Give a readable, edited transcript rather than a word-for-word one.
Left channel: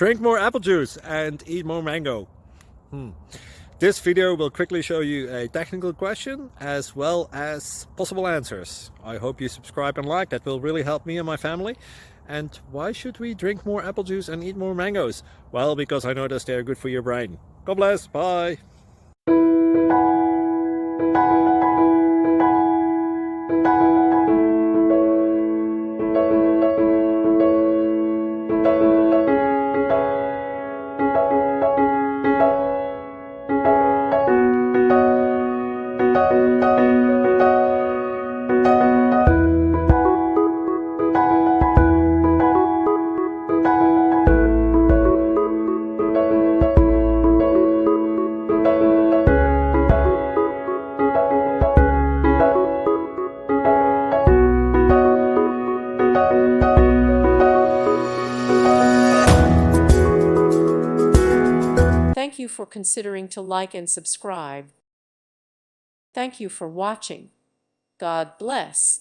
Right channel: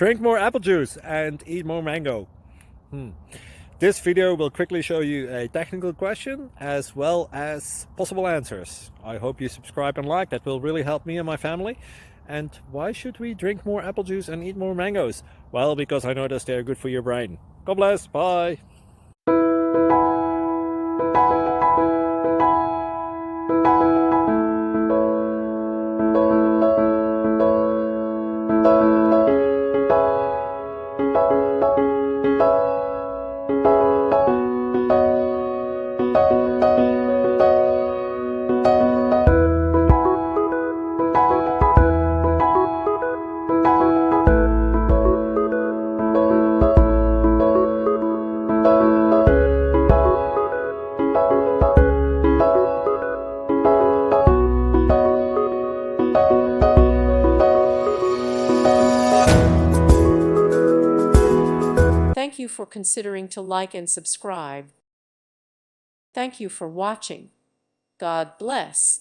Drink more apple juice and eat more mango. This video will quickly show you a technical question as well as possible answers. I hope you subscribe and like, that will really help me and my family. And why should we drink more apple juice and eat more mangoes? Well, because I noticed they're good for your brain. God bless, bye! Thank you for considering to like and subscribe. Thank you for watching. God bless.